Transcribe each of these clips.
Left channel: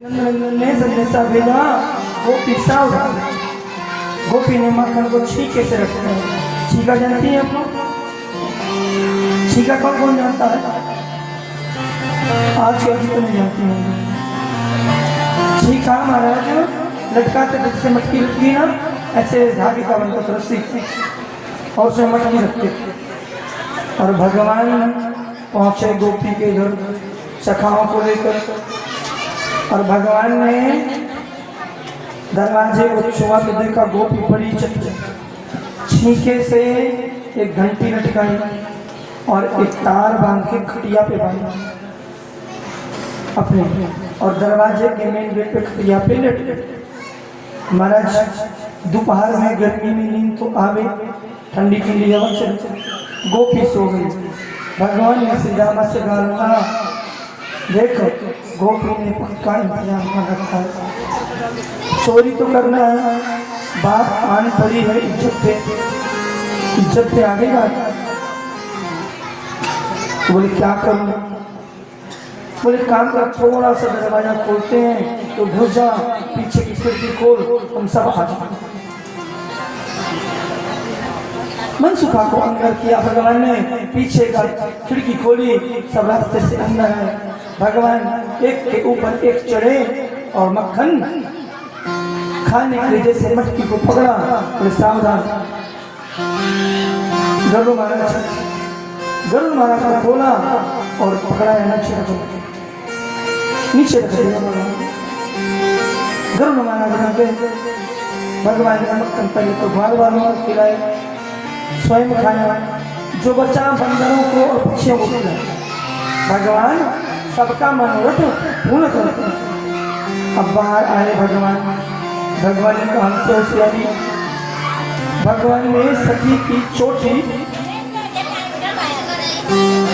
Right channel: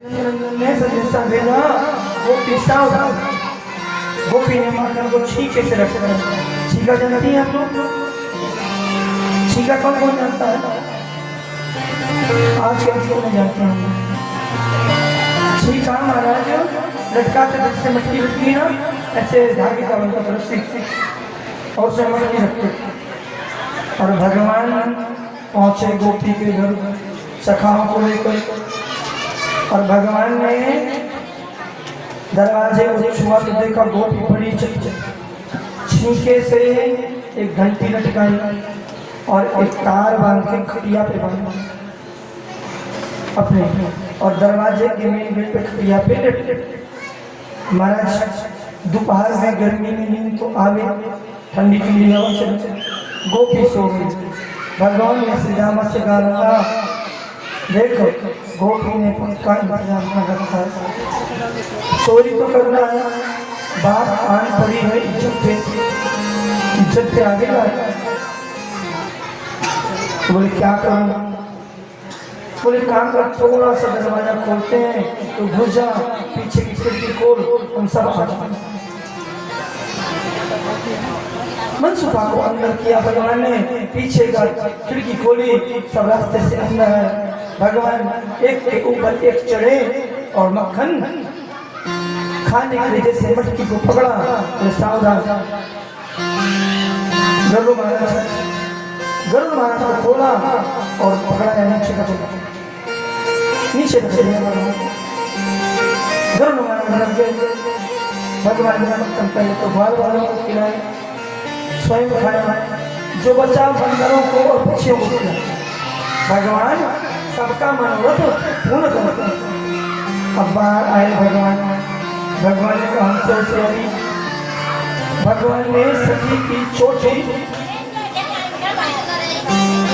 ने संदेशा भेजा गोपी सावधान। गोपी ने माखन को छीके से रखा है। छीका जानती हैं आप लोग? छीका कौन कौन जानता है? आज के अंत में जानते होंगे। छीका महाराज लटकाते जैसे मटकी रखती है ना, ऐसे धागे का बनता था रस्सी और उसे मटकी रखते। और भगवान पहुंचे गोपी के घर सखाओं को लेकर, और भगवान ने दरवाजे को छुआ तो देखा गोपी बड़ी छीके से एक घंटी लटकाई और एक तार बांध के खटिया पे बांधा अपने, और दरवाजे के मेन गेट पे खटिया पे लेटे। महाराज दोपहर में गर्मी में नींद तो आवे, ठंडी ठंडी हवा चले, गोपी सो गई। भगवान ने श्री राम से कहा, देखो गोपी ने पक्का इंतजाम में रखा है, चोरी तो करना है, बात आन पड़ी है, इज्जत पे आगे जा। बोले क्या करूं? बोले काम का थोड़ा सा दरवाजा खोलते हैं तो घुस जा, पीछे की खिड़की खोल, हम सब आ जाए। मनसुखा को अंदर किया भगवान ने, पीछे का खिड़की खोली, सब रास्ते से अंदर है। भगवान एक के ऊपर एक चढ़े और मक्खन खाने के लिए जैसे मटकी को पकड़ा, तो सावधान। गरुड़ महाराज को खोला और पकड़ा है नीचे गरुड़ महाराज के भगवान ने मक्खन पहले तो बाल वालों को खिलाया, स्वयं खाया, जो बचा बंदरों को और पक्षियों को खिलाया। भगवान सबका मनोरथ पूर्ण करते हैं। अब बाहर आए भगवान, भगवान ने कहा भगवान ने सखी की चोटी,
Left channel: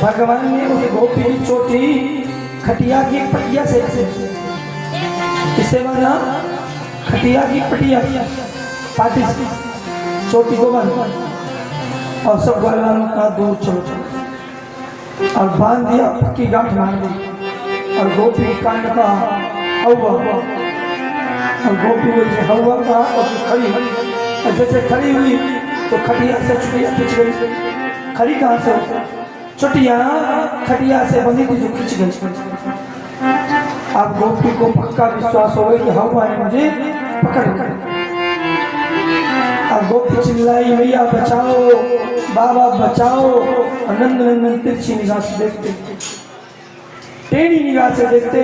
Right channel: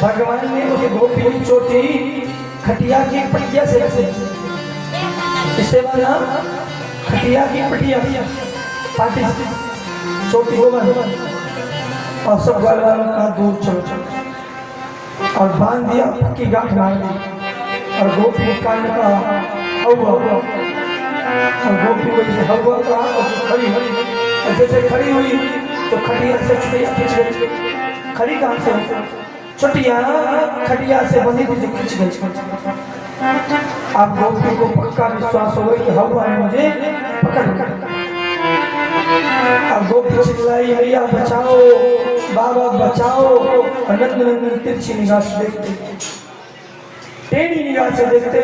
भगवान ने उस गोपी की चोटी खटिया की पटिया से इससे बना, खटिया की पटिया पाटी चोटी को बना और सब घर वालों का दूध चोट और बांध दिया, पक्की गांठ बांध दी। और गोपी काट का हवा, और गोपी को जैसे हवा का और खड़ी हुई, और जैसे खड़ी हुई तो खटिया से छुटिया खिंच गई। खड़ी कहाँ से? छुटिया खटिया से बनी थी जो खिंच गई। आप गोपी को पक्का विश्वास हो गया कि हवा ने मुझे पकड़ कर। अब गोपी चिल्लाई, मैया बचाओ, बाबा बचाओ। नंद नंदन तिरछी निगाह से देखते, टेढ़ी निगाह से देखते।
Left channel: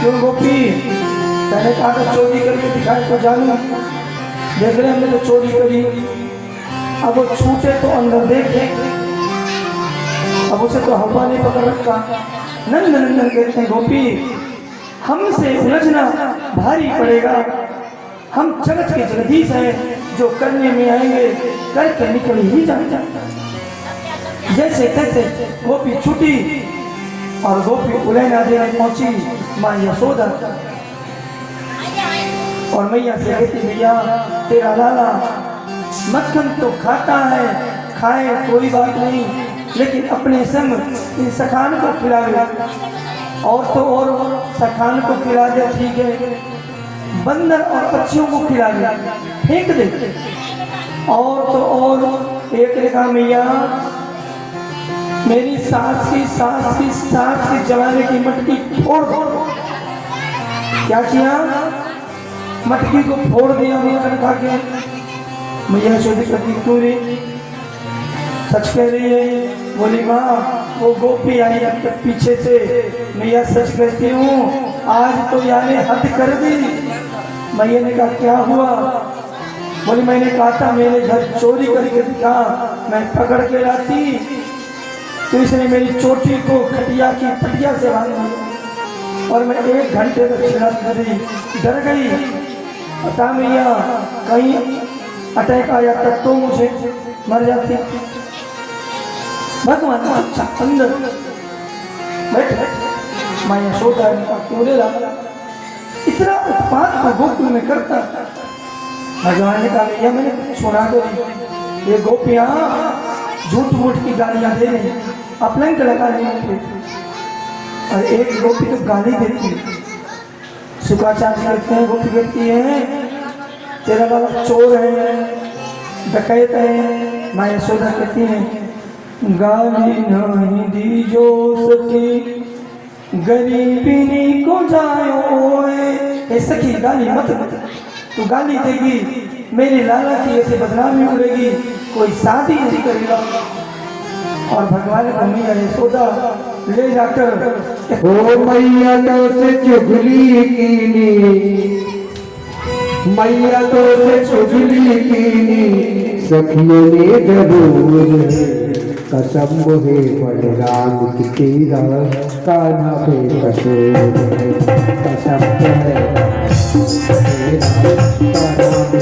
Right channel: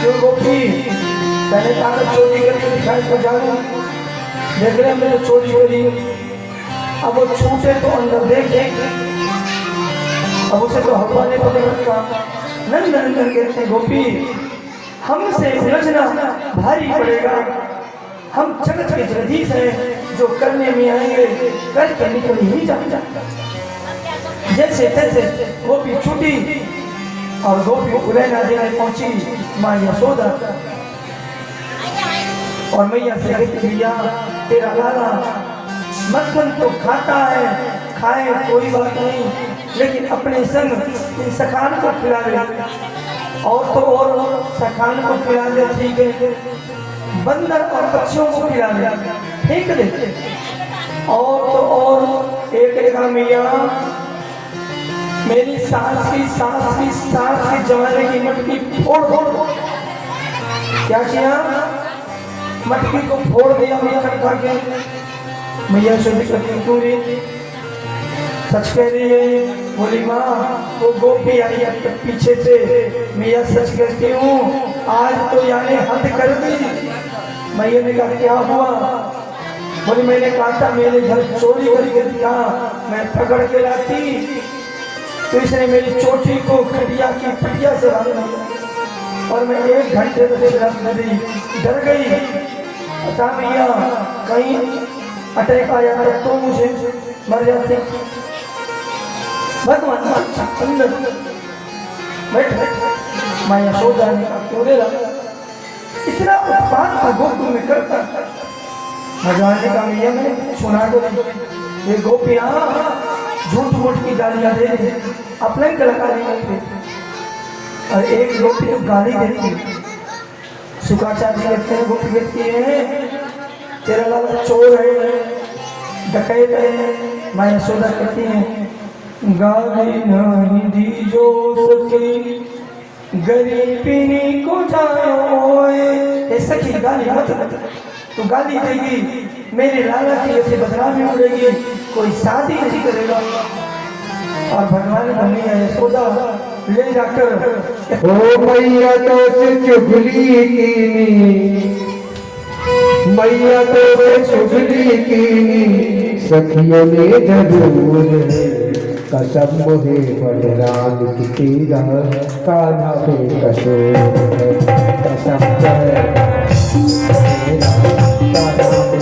क्यों गोपी? मैंने कहा था चोरी करके दिखाई तो जानू, देख रहे हमने तो चोरी करी। अब वो छूटे तो अंदर देख, अब उसे तो हवा ने पकड़ रखा। नंद नंदन कहते हैं गोपी हमसे उलझना भारी पड़ेगा, हम जगत के जगदीश हैं, जो करने में आएंगे करके निकल ही जाए। जैसे तैसे गोपी छूटी और गोपी उलैना देने पहुंची माँ यशोदा, और मैया से कहती भैया तेरा लाला मक्खन तो खाता है, खाए कोई बात नहीं, लेकिन अपने संग इन सखान को खिलावे, और तो और सखान को खिला दे ठीक है, बंदर और पक्षियों को खिला दे, फेंक दे। और तो और एक लेगा मैया मेरी सास की जवानी की मटकी फोड़ दो। क्या किया? मटकी को फोड़ दिया मैया खा के। मैया शोधी करती पूरी सच कह रही है। बोली माँ वो गोपी आई अब तक पीछे से, मैया सच कहती हूँ आज तो यानी हद कर दी। मैया ने कहा क्या हुआ? बोली मैंने कहा था मेरे घर चोरी करके दिखा, मैं पकड़ के लाती तो इसने मेरी चोटी को खटिया की पटिया से बांध दिया, और मैं 1 घंटे तक डर गई। बता मैया कहीं अटैक आ जाता तो मुझे मर जाती। भगवान अंदर बैठ मैं यशोदा ने कहा क्यों रे इतना उत्पाद गोकुल में करता? भगवान ने कहा भैया मैंने सुना दो, ये गोपियां झूठ मूठ की गालियां दे रही, अपने लगा रही, और एक गोपी तो गाली दे रही शुक्राचार्य कहते हैं गोपी कहती है तेरा बाबा चोर है, डकैत है। मैं यशोदा कहती है गाली नहीं दी जो सखी गरीबी को जाओ। ऐसा की गाली मत तू गाली देगी मेरे लाला की वैसे बदनामी उड़ेगी, कोई शादी नहीं करेगा। और भगवान ने मैया यशोदा ले जाकर ओ मैया तो से चुगली कीनी, मैया तो से चुगली कीनी, सखियों ने जरूर कसम है बलराम की तेरा कान्हा पे कसूर है, कसम है तेरा कान्हा पे।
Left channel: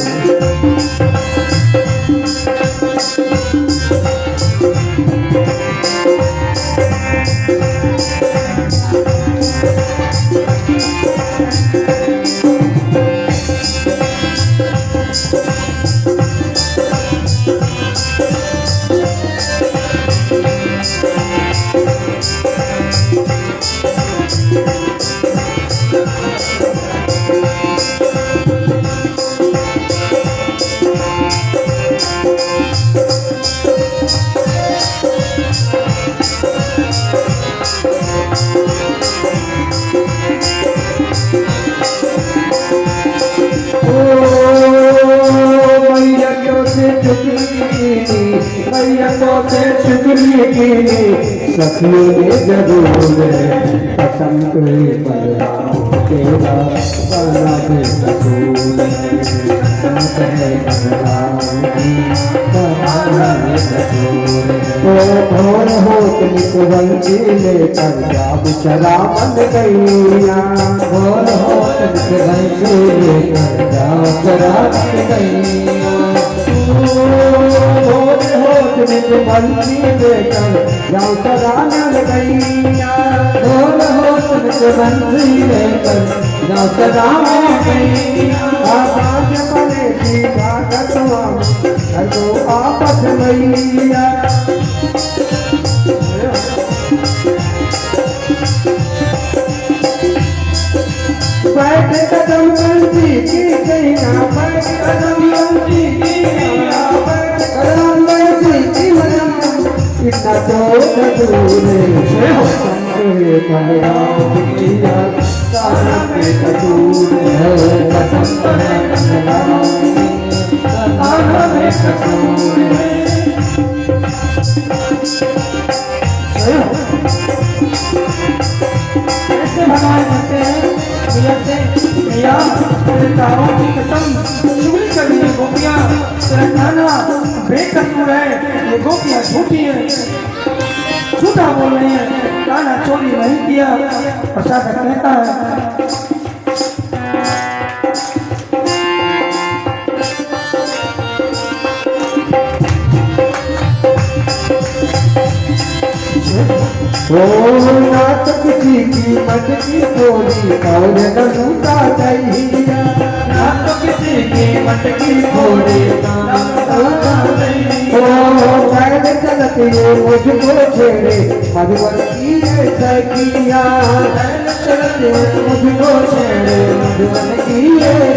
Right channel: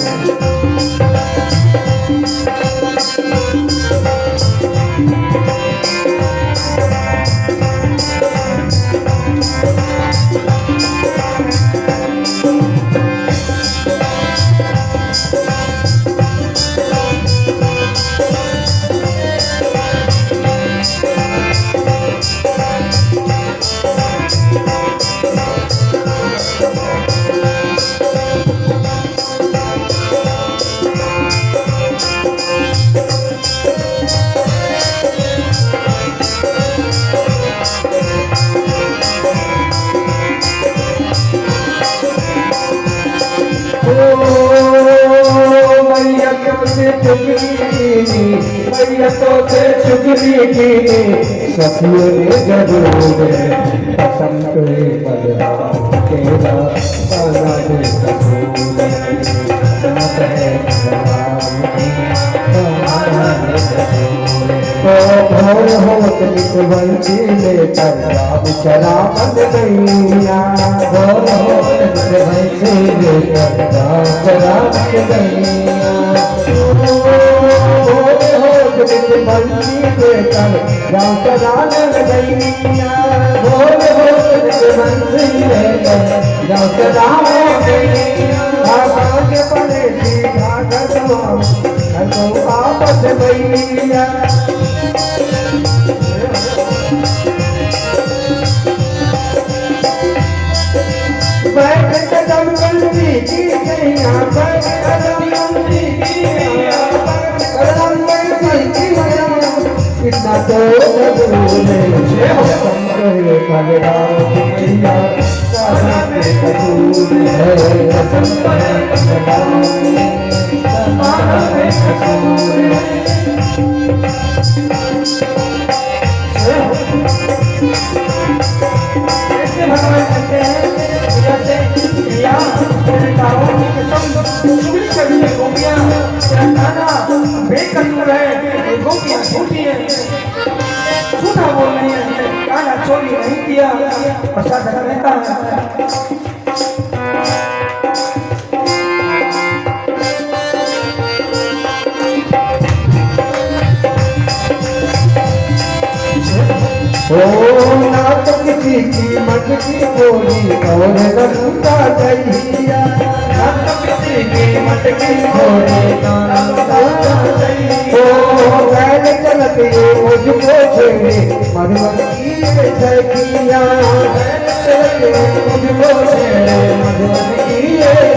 सखियों ने जरूर कसम करे बलराम तेरा कान्हा पे कसूर है, कान्हा पे कसूर है। भोर होत निकबंसी लेकर जाब शराब गैया, भोर होत निकबंसी लेकर जाब शराब गैया, निकबंसी लेकर जाओ चराने गैया, भोर होत निकबंसी लेकर जाओ चराने गैया। आकाश परे की घाटवा तो आपस गैया, बैठ कदम गलती की गैया, बैठ कदम गलती की गैया, बैठ कदम गलती की गैया। इतना तो दूर है संगे बलराम मैया कान्हा पे कसूर है, कसम है बलराम कान्हा पे कसूर है। ऐसे भगवान कहते हैं भैया मेरे गाँव की कसम चुगली कर दी गोपियाँ, खाना बेकसूर है, ये गोपियाँ झूठी है, झूठा बोल रही है, खाना चोरी नहीं किया। प्रसाद कहता है ओ नात किसी कीमत की बोली और नंदा दैया, नात किसी कीमत की बोली नंदा दैया। ओ बैठ चलत ये मुझको छेड़े मधुबनी सखिया, चलत ये मुझको छेड़े मधुबनी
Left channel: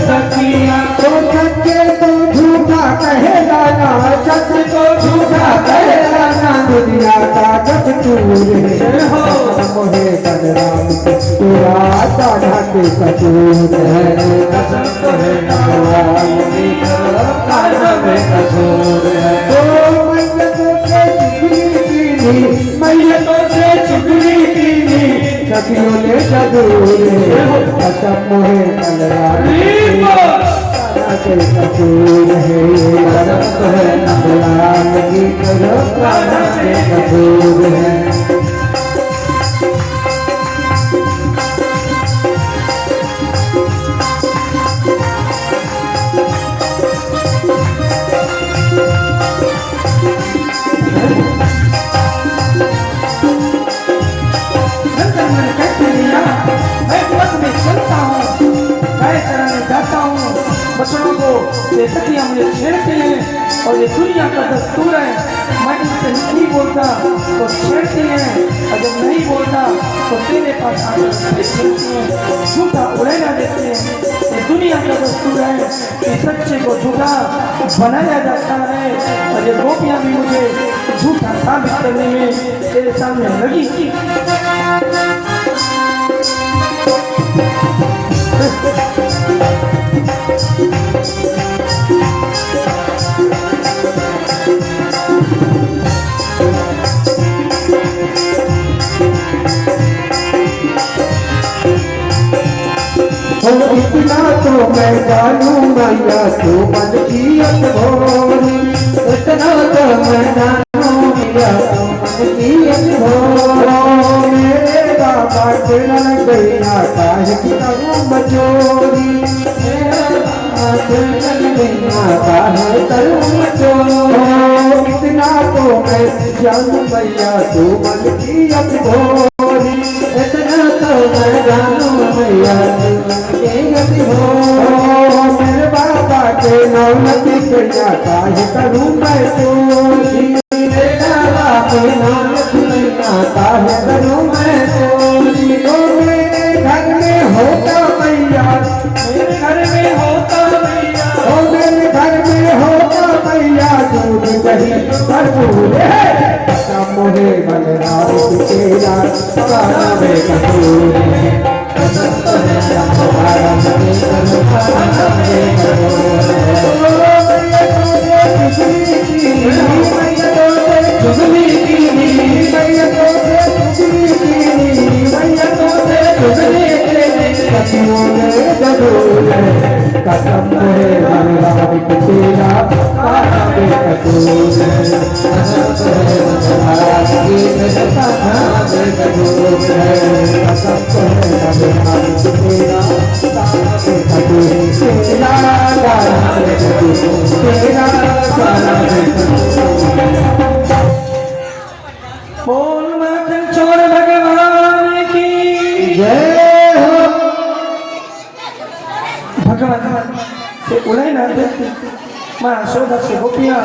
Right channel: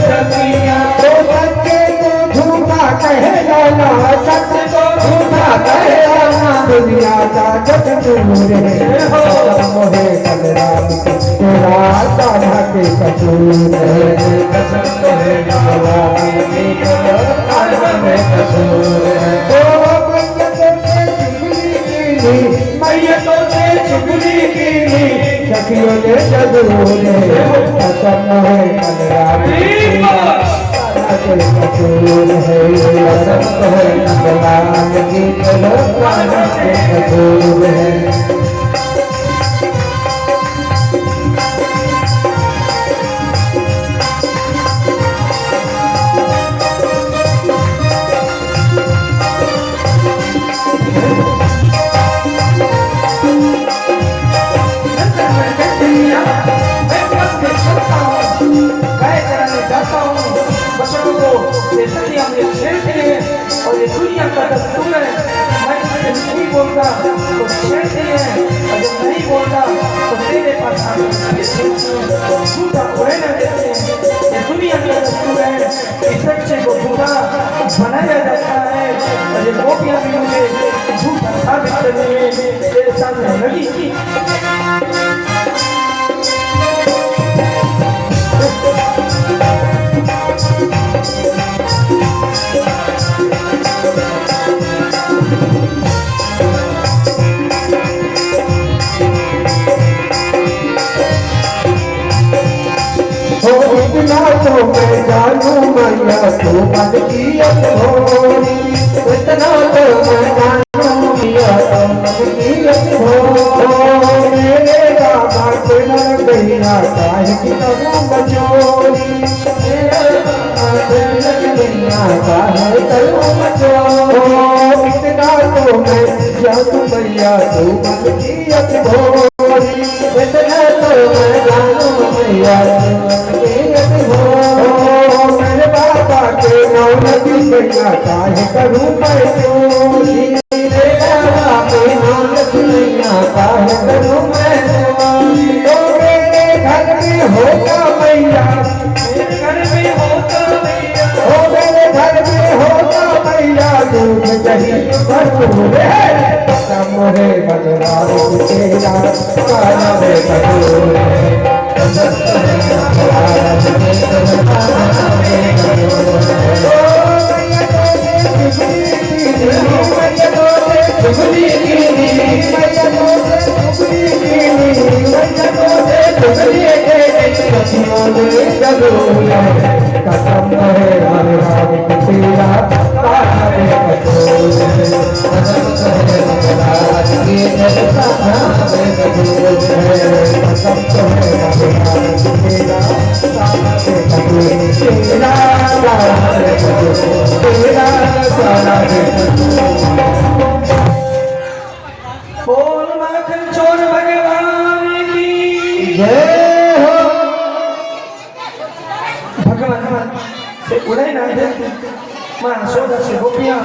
सखिया। तो सच्चे तो झूठा कहेगा ना, सच को झूठा कहेगा ना, दुनिया का दस्तूर है, कसम है बलराम तेरा कान्हा पे कसूर है, कसम है बलराम तेरा कान्हा पे कसूर है। मैया तो से चुगली कीनी, सखियों ने जरूर कसम है बलराम तेरा कान्हा पे कसूर है, कसम है बलराम तेरा कान्हा पे कसूर है। बच्चों को जैसे कि हमने छेड़ते हैं और ये दुनिया का दस्तूर है, मैं तुमसे नहीं बोलता तो छेड़ती है, और जब नहीं बोलता तो तेरे पास आकर छेड़ती है, झूठा उड़ेगा देते बनाया जाता है और ये गोपियां भी मुझे झूठा साबित करने में तेरे सामने लगी थी। इतना तो मैं जानू मैया तू मन की अतभोरी, इतना तो मैं जानू मैया तू मन की अतभोरी। मेरे बाबा तेरा गैया काहे की करूं बचोरी, मेरा बाबा तेरा गैया काहे करूं बचोरी। इतना तो मैं जानू मैया तू मन की अतभोरी, इतना तो मैं जानू मैया मेरे बाबा के नाम की गैया काहे करूं मैं चोरी, मेरे बाबा के नाम की गैया काहे करूं मैं चोरी। तो मेरे घर में होता मैया, मेरे घर में होता मैया, ओ मेरे घर में होता मैया दूध दही खजूर है। मोहे बलराम तेरा काना वे कपूर है, कसम है बलराम तेरा काना वे कपूर बोल माखन चोर भगवान की जय हो। भगवान से उड़े ना देते माँ यशोदा से गोपियां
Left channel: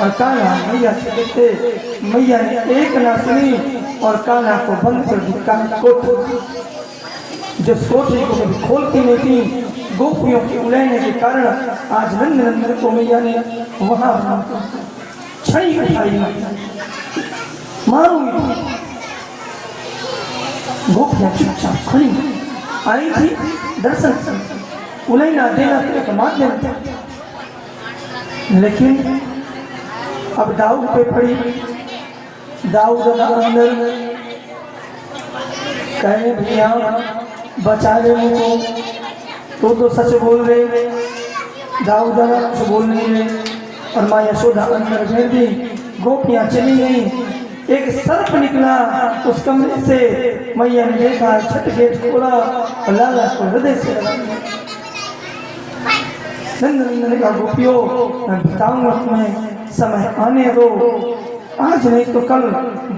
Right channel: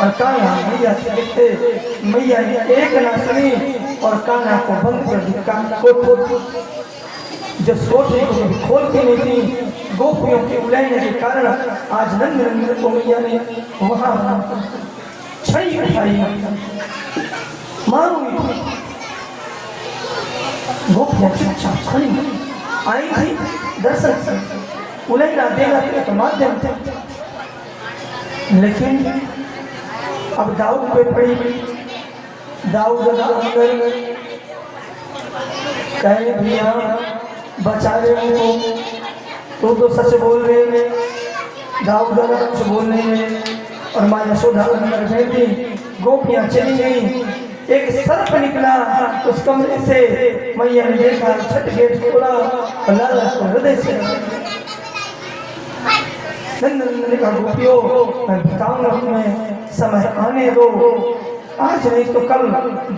और कान्हा मैया से देखते मैया ने एक ना सुनी और कान्हा को बंद कर दी। कान्हा को जब सोचने को कभी खोलती नहीं थी, गोपियों के उड़ने के कारण आज नंद नंदन को मैया ने वहां छई उठाई मां हुई। गोपियां चुपचाप खड़ी आई थी दर्शन से, उलैना देना तो माध्यम था, लेकिन अब दाऊद पे पड़ी। दाऊद अंदर कहे भैया बचा रहे हो, तुम तो सच बोल रहे। दाऊद कुछ बोल रही है और माँ यशोदा अंदर बैठी। गोपियां चली गई, एक सर्प निकला उस कमरे से। मैया ने देखा, छठ गेट खोला, लाला को हृदय से नंदन का गोपियों मैं बताऊंगा तुम्हें, समय आने दो, आज नहीं तो कल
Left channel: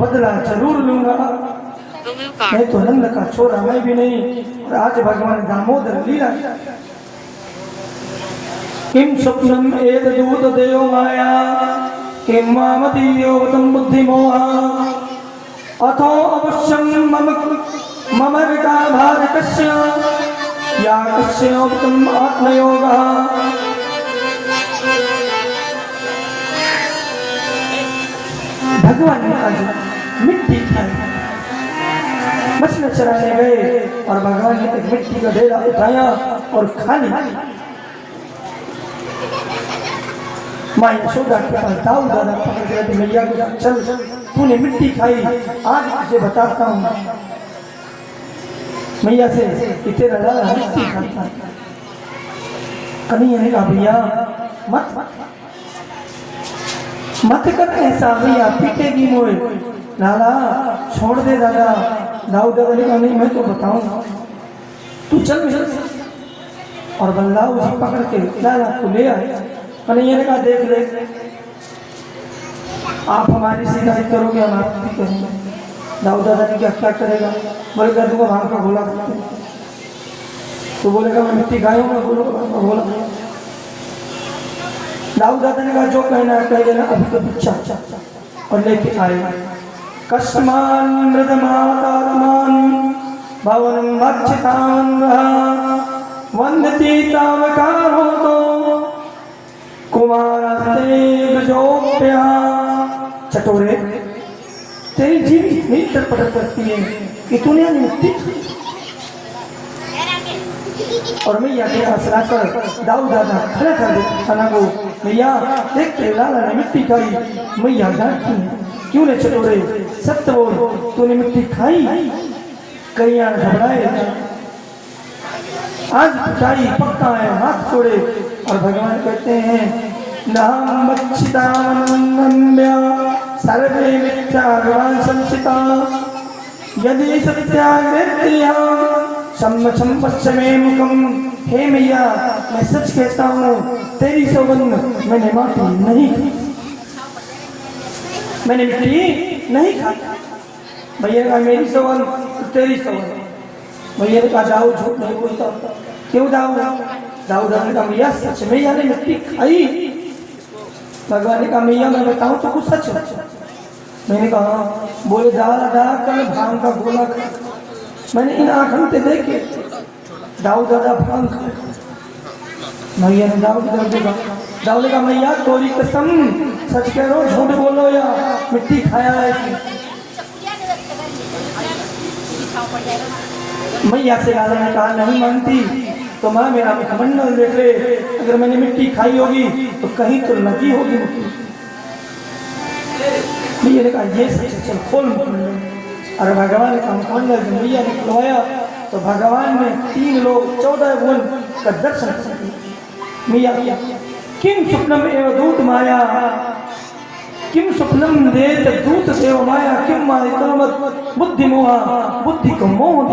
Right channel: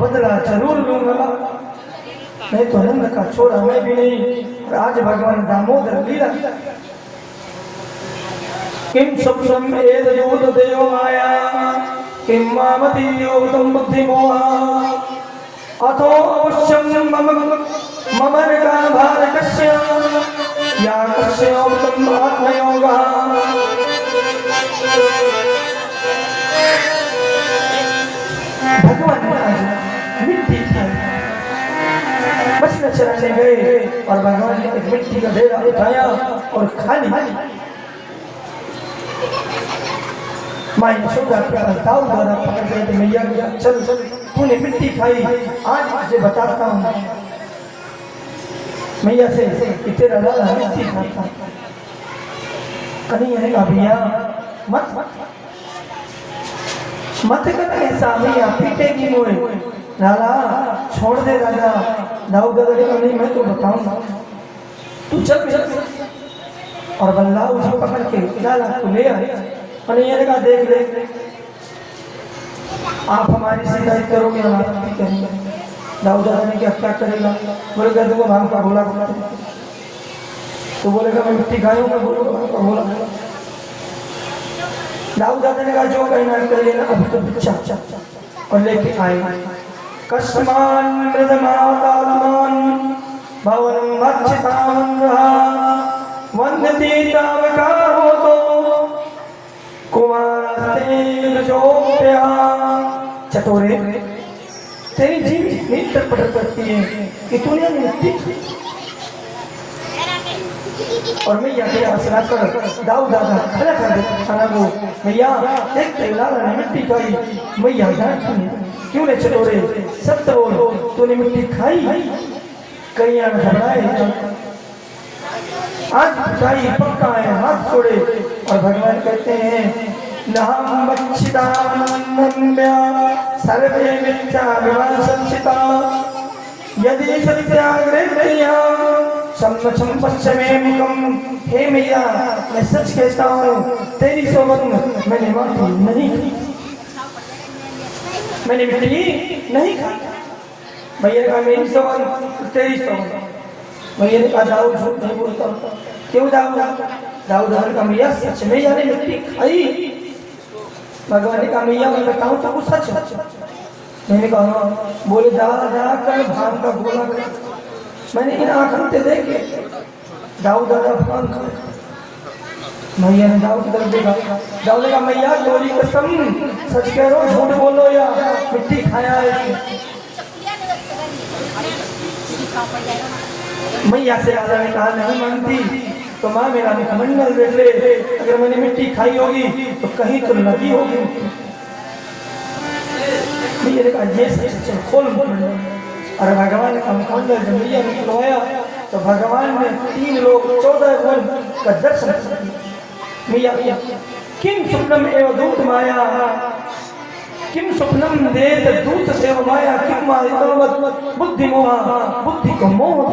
बदला जरूर लूंगा। मैं तो नंद का छोरा मैं भी नहीं, आज भगवान दामोदर लीला। किम स्वप्नम एद दूत देयो माया, किम मामदीयो तम बुद्धिमोहा, अथो अवश्यम मम का भार कस्य, या कस्य तुम आत्मयोगा। भगवान ने आज मिट्टी खाई, मछली चराने गए और भगवान ने एक मिट्टी का ढेरा उठाया और खा लिया। माँ यशोदा के पास दाऊद दादा पकड़ गए तो मैया को चल तूने मिट्टी खाई, आज मुझे बताता हूँ मैया से कि तेरा लाला मिट्टी खाता। कन्हैया ने कहा भैया मत मत कर ऐसा, भैया पीटेगी मोए। लाला छोड़ दे दादा। दाऊद दादा ने कहा नहीं मैं तो बताऊंगा, तू चल चल। और बल्लाऊ जी पकड़ के लाला को ले आए। कन्हैया ने कहा देख ले आप हमारी शिकायत करोगे हम आपकी करेंगे। दाऊद दादा ने क्या करेगा? बोले कर दूंगा भांग का घोड़ा। तो बोलेगा मैं मिट्टी खाऊंगा, बोला। दाऊद दादा ने कहा जो कहना कह लेना, अभी तो बिच्छा और लेके आए। कस्मान मृदमातात्मान भवन मच्छतान रहा, वन्यती तावकार हो तो कुमार चटोरे, तेरी जीभ इतनी तड़पड़ करती है कि तूने मिट्टी और मैया के मसला कर दाऊ दादा खड़ा कर दे खाना को। मैया एक लाला ने मिट्टी खाई। मैया डांटी, क्यों रे चटोरे, सत्य बोल, तूने मिट्टी खाई? करिया घबराए, आज पिटाई पक्का है, हाथ छोड़े। और भगवान कहते हैं नाम बच्चिदानंद्या सर्वे मिथ्या विवाद संचिता यदि सत्याग्रहया सम्मचम पश्चिमे मुखम। हे मैया, मैं सच कहता हूँ, तेरी सौगंध मैंने माफी नहीं की, मैंने मिट्टी नहीं खाई। भैया ने कहा मेरी सौगंध, तेरी सौगंध। भैया ने कहा जाओ, झूठ नहीं बोलता। क्यों जाओ? दाऊद ने कहा मैया सच में यानी मिट्टी खाई। भगवान ने कहा मैया मैं बताऊं तो कुछ सच है। मैंने कहा बोले दादा कल भांग का गोला खाया, मैंने इन आंखों से देखे दाऊद दादा भांग खाया। मैया ने दाऊद देखा, दाऊद ने कहा मैया तोरी कसम, सच कह रहा हूं, झूठ बोलो या मिट्टी खाया है। मैया से राजा ने कहा नहीं मानती तो माँ मेरा मुखमंडल देख ले, अगर मैंने मिट्टी खाई होगी तो कहीं तो लगी होगी। मैया ने कहा ये सच, चल खोल मुखमंडल। और भगवान का मुखमंडल जब मैया ने खुलवाया तो भगवान ने 3 लोग 14 भुवन का दर्शन किया। मैया किम स्वप्नम एव दूत माया, किम स्वप्नम देत दूत सेव माया, किम माया बुद्धि मोहा, बुद्धि को मोह